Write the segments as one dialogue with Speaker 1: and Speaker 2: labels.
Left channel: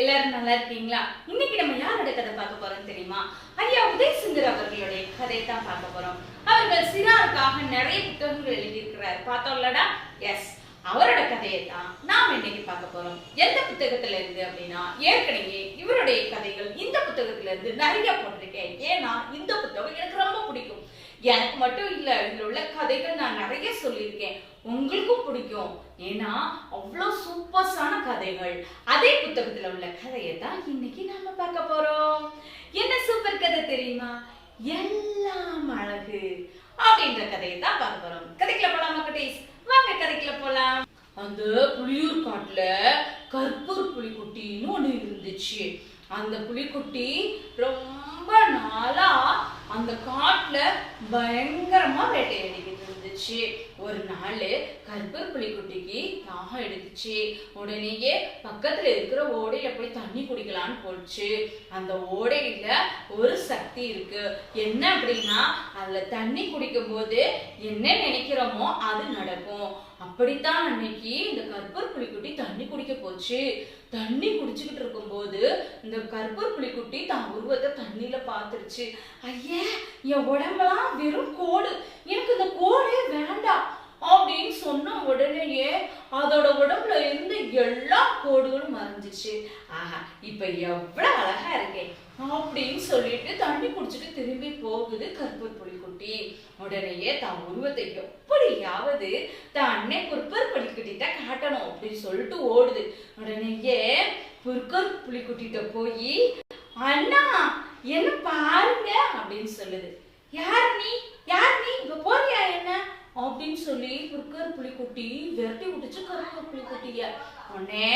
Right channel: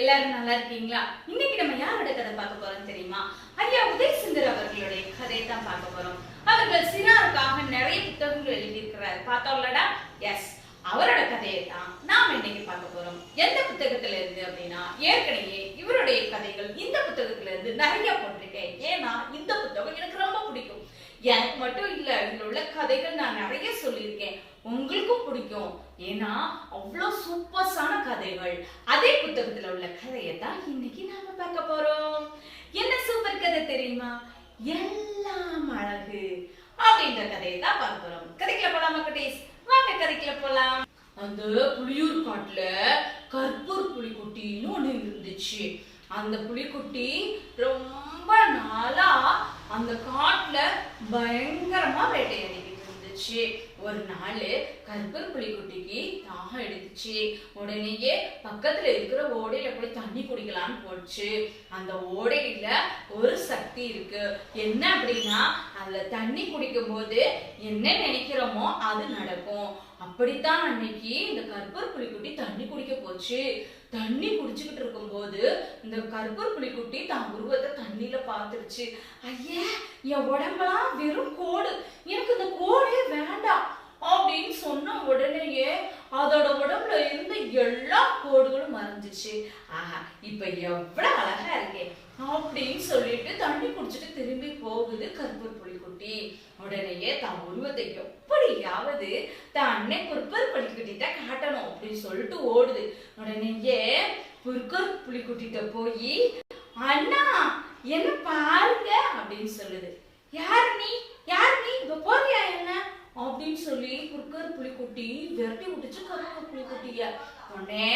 Speaker 1: எல்லாரும் நல்லா இருக்கீங்களா? இன்னைக்கு நம்ம யாரோட கதை பார்க்க போறோம் தெரியுமா? ஐயா உதய் சுந்தர் அவர்களுடைய கதை தான் பார்க்க போறோம். அவர்கள் சிறாருக்காக நிறைய புத்தகங்கள் எழுதியிருக்கிறார். பார்த்தோம்லடா? எஸ் அவரோட கதையை தான் நாம் இன்னைக்கு பார்க்க போறோம். எந்த புத்தகத்துல இருந்து அப்படின்னா ஏற்கனவே இவருடைய கதைகள் இந்த புத்தகத்துல இருந்து நிறைய போட்டிருக்கேன். ஏன்னா இந்த புத்தகம் எனக்கு ரொம்ப பிடிக்கும். எனக்கு மட்டும் இல்ல இதுல உள்ள கதைகள் நான் நிறைய சொல்லியிருக்கேன். உங்களுக்கும் பிடிக்கும். ஏன்னா அவ்வளோ சூப்பர் கதைகள். அதே புத்தகத்துல உள்ள கதையை தான் இன்னைக்கு நாம பார்க்க போறோம். என்ன சூப்பர் கதை தெரியுமா? எல்லாம் அழகு அப்படின்ற கதையை தான் பார்க்க போறோம். கதைக்குள்ள போலாமா குட்டீஸ்? வாங்க கதைக்குள்ள போலாம். அந்த புளியூர் காட்டுல கற்பூர் புலிக்குட்டின்னு ஒண்ணு இருந்துச்சு. அந்த புலிக்குட்டி ரொம்ப நாளா அந்த காட்டுல பயங்கரமா வேட்டையாடிக்கிட்டு இருந்துச்சு ஒரு நாள் கற்பூர் புலிக்குட்டிக்கு தாகம் எடுத்துச்சு. உடனேயே பக்கத்துல இருக்கிற ஓடையில போய் தண்ணி குடிக்கலான்னு போச்சு. அந்த ஓடையில ஒரு சக்தி இருக்கு. என்ன அப்படின்னா அதுல தண்ணி குடிக்கும் போது என்ன நினைக்கிறோமோ அது நடக்கும். அப்படித்தான் அன்னைக்கு இந்த கற்பூர் புலிக்குட்டி தண்ணி குடிக்க போச்சு. தண்ணி குடிச்சுக்கிட்டு இருக்கும்போது இந்த கற்பூர் புலிக்குட்டி தான் உருவத்தை தண்ணியில பார்த்துருச்சு. ஐயே என் உடம்பெல்லாம் வெறும் கோடு. எனக்கு இந்த கோடே வேண்டாம் அப்படின்னு சொன்ன உடனேயே அதோட உடம்புல இருந்த எல்லா கோடுகளும் மறைஞ்சிச்சு. ஆஹா இப்ப எவ்வளவு அழகா இருக்கேன் அப்படின்னு சொல்லிட்டு தண்ணி குடிச்சிட்டு திரும்பி போகுது கற்பூர் குட்டி உடனேயே தான் உருவத்தை எப்படியாவது தான் அன்னை புற்கர் புலிக்குட்டிட்ட காட்டணும் அப்படின்னு சொல்லிட்டு ஓடுது. உடனேயே புற்கர் புலிக்குட்டிட்ட போய் அண்ணா என்ன பாருங்க அப்படின்னு சொல்லுது. யார் நீ? யார் நீ? இங்க போறியா என்ன? அப்படின்னு சொல்லி புற்கர் புலிக்குட்டி விரட்டி விட்டுச்சு கருப்பூர் புலிக்குட்டிய. உடனே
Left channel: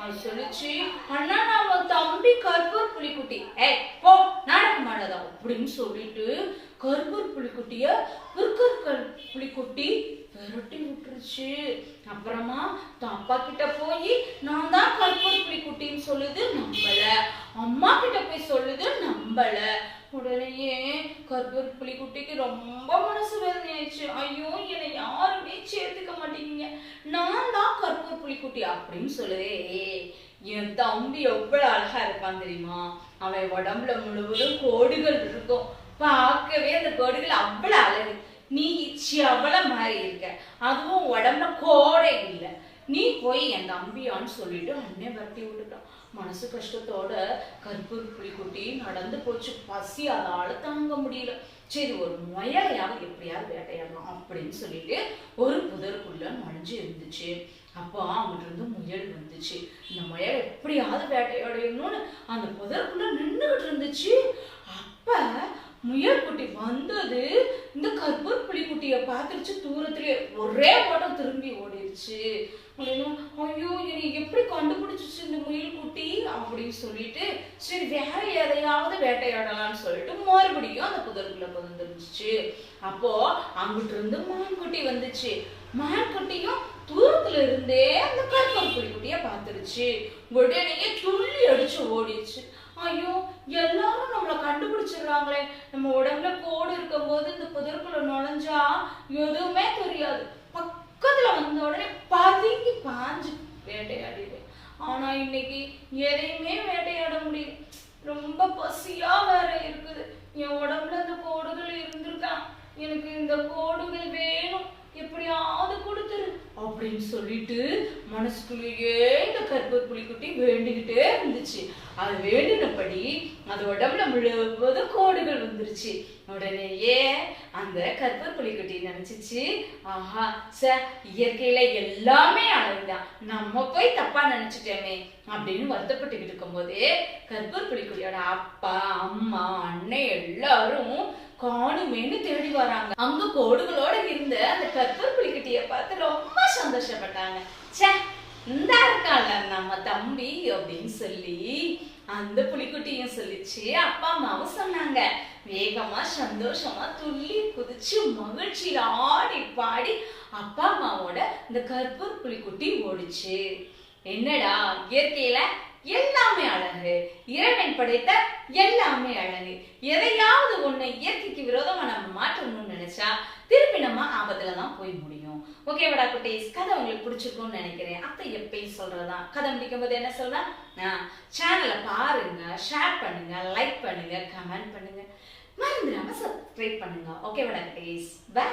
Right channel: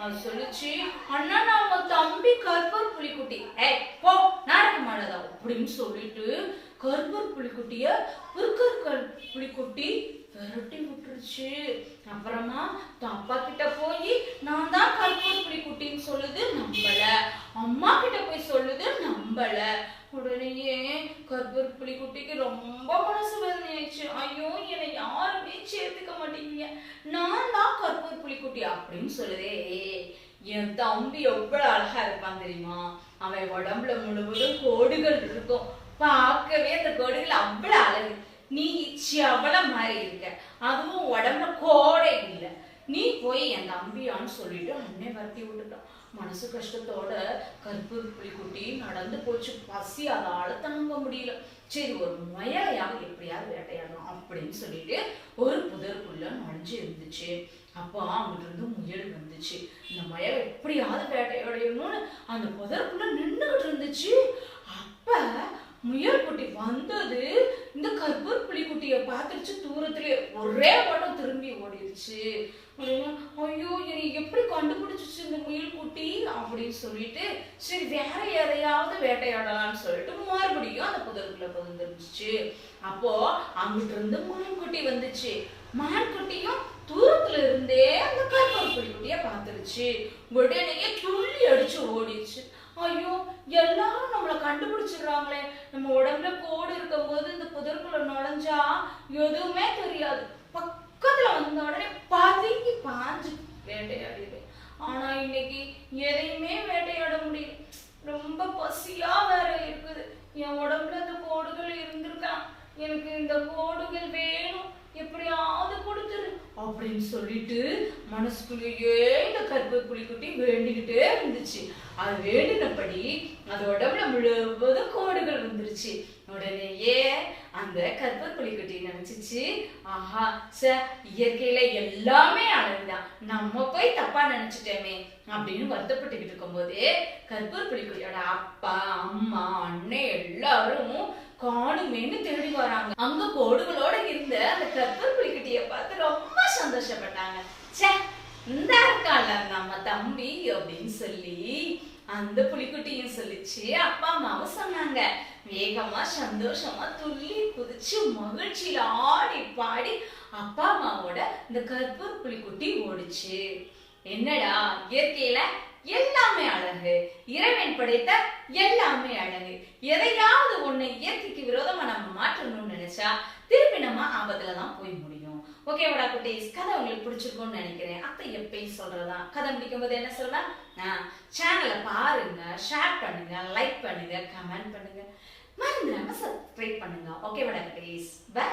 Speaker 1: அது சொல்லுச்சு அண்ணா நான் உன் தம்பி கருப்பூர் புலிக்குட்டி. ஏய் போ நாடகம் மாடாதா அப்படின்னு சொல்லிட்டு கருப்பூர் புலிக்குட்டிய புற்கர் புலிக்குட்டி விரட்டி விட்டுருச்சு. அப்புறமா தான் அப்பா கிட்ட போய் நான் தான் கற்பூர் புலிக்குட்டின்னு சொல்லுது நம்பல. அம்மா கிட்ட போய் சொல்லுது நம்பல. உடனேயே கற்பூர் புலிக்குட்டிக்கு ரொம்ப மனசு வேதனையாச்சு ஐயோ என்னை யாருமே சேர்த்துக்க மாட்டீங்க நான் தான் கற்பூர் புலிக்குட்டி அப்படின்னு சொல்லுதே. என் தம்பி எவ்வளவு அழகா இருப்பான் தெரியுமா? அவன் உடம்புல முழுவதும் கோடுகள் இருக்கும். பார்க்கவே அந்த கோடுகள் அவ்வளவு அழகு. நீ அவள மாதிரி இருக்க. அதுவும் உடம்புல கோடை இல்லை. நீ போய் என் தம்பியான்னு சொல்லிட்டு அண்ணே வரத்தி விட்டுட்டான். மனசு கஷ்டத்தோட கற்பூர் புலிக்குட்டி நடந்து போச்சு. பசி அதால தாங்க முடியல. சரி ஒரு முயலையாவது எப்படியாவது வேட்டையாடணும் அப்படின்னு சொல்லிட்டு ஒரு புதருக்குள்ள நுழைஞ்சு இருந்துச்சு. அப்போ அவங்கிட்ட இருந்து முயல் வந்துச்சு. இந்த முயல் எப்படியாவது வேட்டையாடையணும்னு அந்த புதருக்குள்ள நின்றுகிட்டு இருந்துச்சு. வந்தது இந்த கற்பூர் புலிக்குட்டிய பார்த்துருச்சு தூரத்திலே ஒரே ஓட்டம் திரும்பி ஓடிடுச்சு ஐயோ என்னை எப்படி கண்டுபிடிச்சிச்சு இந்த முயல் குட்டி அப்படின்னு சொல்லிட்டு சரி வேற எதையாவது வேட்டையாடலாம்னு சொல்லிட்டு மறுபடியும் அந்த புதருக்குள்ள வந்துருச்சு அப்போ அங்கிட்டு இருந்து மான்குட்டி வந்துச்சு. மான்குட்டியும் தூரத்துல இருந்தே அந்த கற்பூர் புலிக்குட்டிய பார்த்துருச்சு. உடனே துள்ளி அடிச்சு ஓடிச்சு. ஐயோ எல்லாரும் நம்மள கண்டுபிடிச்சிடுறாங்களே. நம்ம உடம்புல கோடு இருக்கும்போது இந்த புதருக்குள்ள நுழைஞ்சா எதுவுமே தெரியாது. பக்கத்துல வந்த உடனே பதுங்கி பாஞ்சு வேட்டையாடிடுவேன் ஆனா இன்னைக்கு எதையுமே வேட்டையாட முடியல. ரொம்ப பசியா வேற இருக்குது. என் உடம்புல இந்த கோடுகள் இருந்திருக்கான் எனக்கு இந்த கோடுகள் வேணும். எப்படியாவது கொடுத்துரு அப்படின்னு சொல்லிட்டு மனசுக்குள்ளேயே இந்த கற்பூர் புலிக்குட்டி வேண்டிக்கிட்டே இருந்துச்சு. அது வேண்டினபடி அது உடம்புல முழுவதும் கோடுகள் வந்துருச்சு உடனேயே அந்த கற்பர் புலிக்குட்டி நினைச்சிச்சு ஆஹா ச இயற்கையில எல்லாமே அழகுதான் நம்ம போய் தப்பா நினைச்சிட்டோமே அப்படின்னு வருத்தப்பட்டுக்கிட்டு இருக்கும்போதே கற்பூர் புலிக்குட்டியோட அப்பா அம்மா அண்ணன் எல்லாரும் காணுமேன்னு தேடி வராங்க. அங்க கோடுகளோட இருந்த அந்த கற்பூர் புலிக்குட்டிய பார்த்து ரொம்ப சந்தோஷப்பட்டாங்க ச்சே இந்த இருக்கால நம்ம தம்பி அப்படின்னு சொல்லி அந்த புலிக்குட்டியும் சொல்லிச்சு. அப்பா அம்மாவும் சொன்னாங்க. வேகமா சந்தோஷமா துள்ளி குதிச்சு மகிழ்ச்சியில ஆடி பாடி அப்பா அம்மாவோட இந்த கற்பூர் புலிக்குட்டி ஓடிச்சு. என்னடா இயற்கையில எல்லாமே அழகு. இறைவன் படைத்த எல்லாமே அழகு. எதையாவது ஒண்ணு இயற்கைக்கு விரோதமா நம்ம மாற்றணும்னு நினைச்சா திருப்பி ஆபத்துல தான் போய் முடியும். ஓகேவாடா குட்டீஸ் கதை உங்களுக்கு பிடிச்சிருக்கும்னு நினைக்கிறேன். அப்ப எப்பயும் சொல்றதுதான். கதை முடிக்கும் போது என்ன சொல்லலாம் சேனலை பாருங்க ஷேர் பண்ணுங்க லைக் பண்ணுங்க கமெண்ட் பண்ணுங்க. மறந்துடாம சப்ஸ்கிரைப் பண்ணுங்க. ஓகேவாடா குட்டீஸ் பை